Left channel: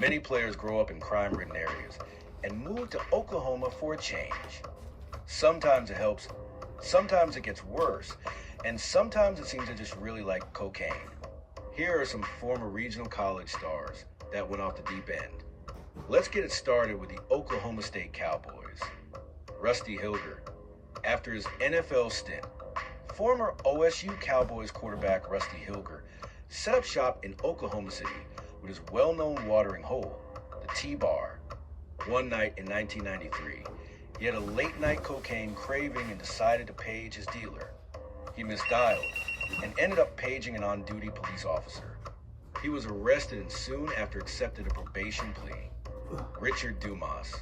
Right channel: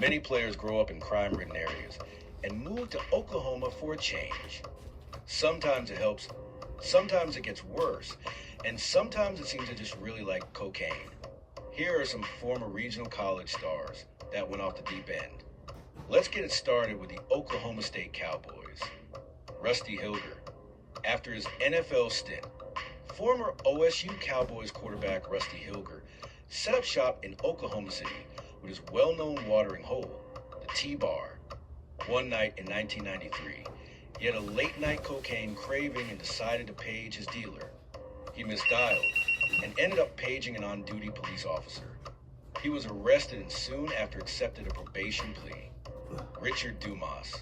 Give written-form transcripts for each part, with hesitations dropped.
Many players grow up in crime-ridden areas and move to Oklahoma for a change. Sometimes it helps, sometimes it gets worse, and sometimes it seems to just really like cocaine. Here are some former regional college stars that went off the deep end. Let's get it started with the Oklahoma State Cowboys. Rusty Hilger. After his NFL stint, former OSU Cowboys quarterback Rusty Hilger set up shop in Oklahoma City with his well-known watering hole, the T-Bar. One night in 1993, he had a late-night cocaine craving and decided to page his dealer. He misdialed and ended up paging an on-duty police officer. He was arrested and soon after accepted a probation plea. Richard Dumas.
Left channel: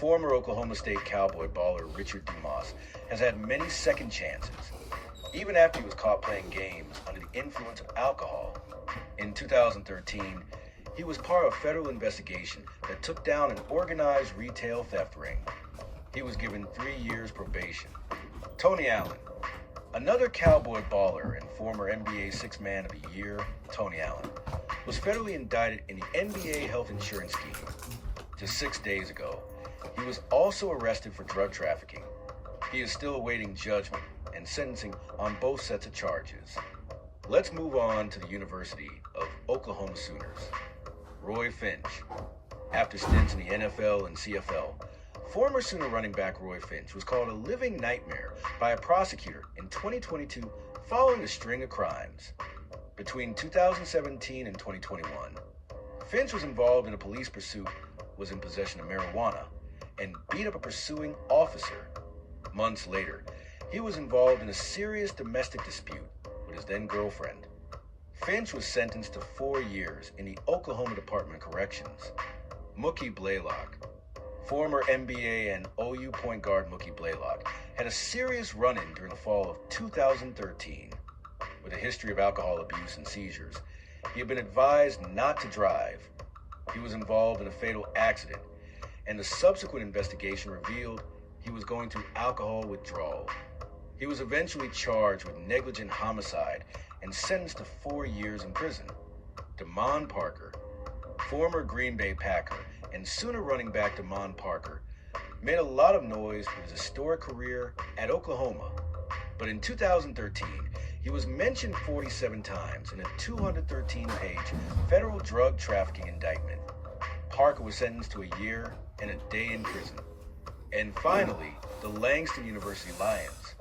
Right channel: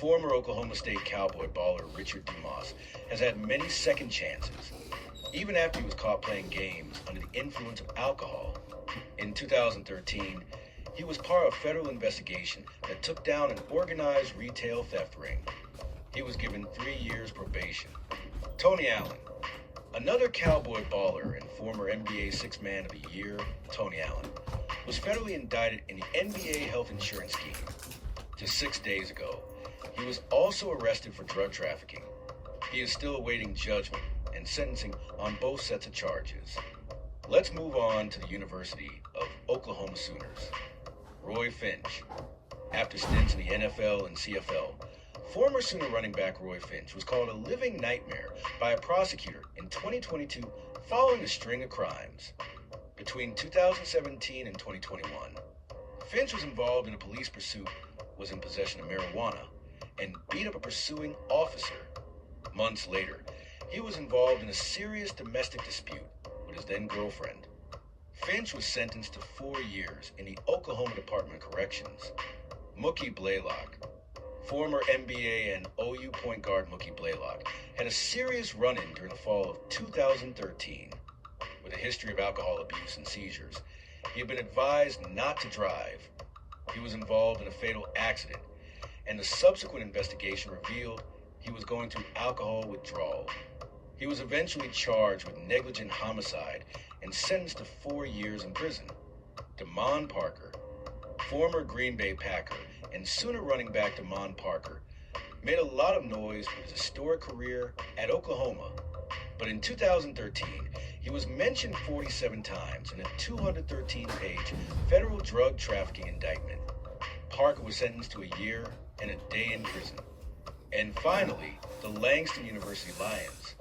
Former Oklahoma State Cowboy baller Richard Dumas has had many second chances, even after he was caught playing games under the influence of alcohol. In 2013, he was part of a federal investigation that took down an organized retail theft ring. He was given 3 years probation. Tony Allen. Another Cowboy baller and former NBA Sixth Man of the Year, Tony Allen, was federally indicted in the NBA health insurance scheme. Just 6 days ago, he was also arrested for drug trafficking. He is still awaiting judgment and sentencing on both sets of charges. Let's move on to the University of Oklahoma Sooners. Roy Finch. After stints in the NFL and CFL, former Sooner running back Roy Finch was called a living nightmare by a prosecutor in 2022 following a string of crimes. Between 2017 and 2021, Finch was involved in a police pursuit, was in possession of marijuana, and beat up a pursuing officer. Months later, he was involved in a serious domestic dispute with his then-girlfriend. Finch was sentenced to 4 years in the Oklahoma Department of Corrections. Mookie Blaylock. Former NBA and OU point guard Mookie Blaylock had a serious run-in during the fall of 2013. With a history of alcohol abuse and seizures, he had been advised not to drive. He was involved in a fatal accident, and the subsequent investigation revealed he was going through alcohol withdrawal. He was eventually charged with negligent homicide and sentenced to 4 years in prison. Damon Parker, former Green Bay Packer and Sooner running back Damon Parker, made a lot of noise with his historic career at Oklahoma. But in 2013, he was mentioned 47 times in a 213-page federal drug trafficking indictment. Parker was sentenced to a year and a day in prison. And finally, the Langston University Lions.